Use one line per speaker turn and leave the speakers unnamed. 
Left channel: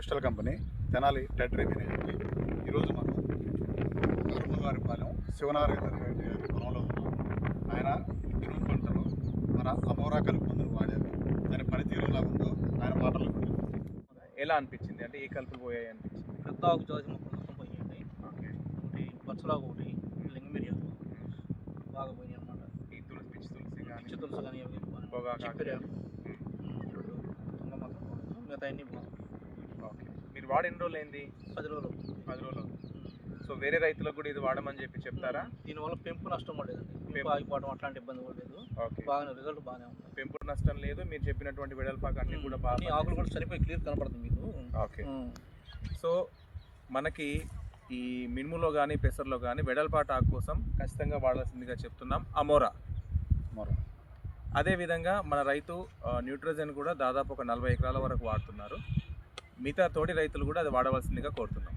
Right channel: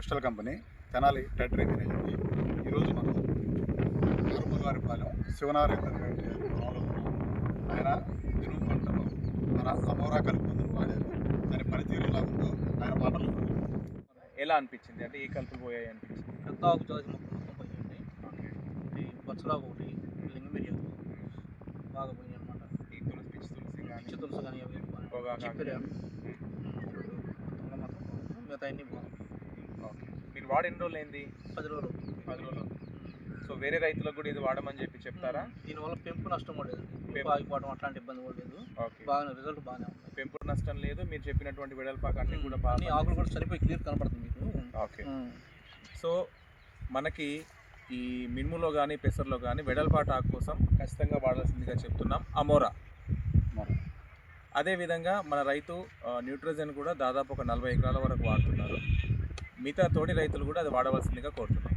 Postal company Tenali టెటరీ తినేది. ఈరోజు మనం ఆరుమగారిపాలెం శివనారాయణ రెడ్డి గారి పొలంలో ఉన్నాం. ఆయన మినుము పంటలో మన అమోరా కలుపు మందును వాడారు. దాని పనితీరు ఎలా ఉందో ఆయన మాటలు
ఎలా అనిపించింది? అంటే ఏ కలుపులు పోయాయి అనిపించింది?
పెద్ద ఆకు జాతి మొక్కలు మొత్తం పోయాయండి.
ఓకే.
ఒకటి పచ్చలాకు, ఒకటి లింగ మిరియాలు బాగా పోయినాయి అనమాట.
ఈ తులసి తులసి కానీ
పిచ్చి తులసి కానీ అవి
పొగాకు
చిప్పిరాడు తుంగ మాత్రం మిగతా అన్ని బాగుంది.
ఓకే. మీరు వాడి ఎన్ని రోజులు అయింది?
10 రోజులు.
10 రోజులు. సో వేరే రైతులకు కూడా ఇది వాడమని చెప్పి చెప్తారా?
దీనివల్ల పెంపు నష్టం కూడా లేదండి. పెంపు ఆగిపోవడం అట్లాంటి ఇబ్బంది కూడా లేదు.
ఓకే.
బాగానే రిజల్ట్ బాగానే ఉంది.
పెంపు నష్టం లేదు. మీరు చెప్పినటువంటి వెడల్పాకు అన్ని కూడా
అన్ని ఆకులు కూడా చనిపోయి క్లియర్ కనబడుతుంది మీకు.
ఓకే. సో మనకి ఈ మినుములో కానీ పెసర్లో కానీ వెడల్పాటు ఆకు కోసం ఖచ్చితంగా వాడాల్సిందిగా చెప్తున్నాం అమోరా. అదేవిధంగా మన రైతు న్యూట్రోజన్ కూడా దాదాపు ఒక 40 ఎకరాల వరకు వాడుతున్నారు. మిగతా తోటి రైతులు కూడా అది వాడవలసిందిగా కోరుతున్నాం.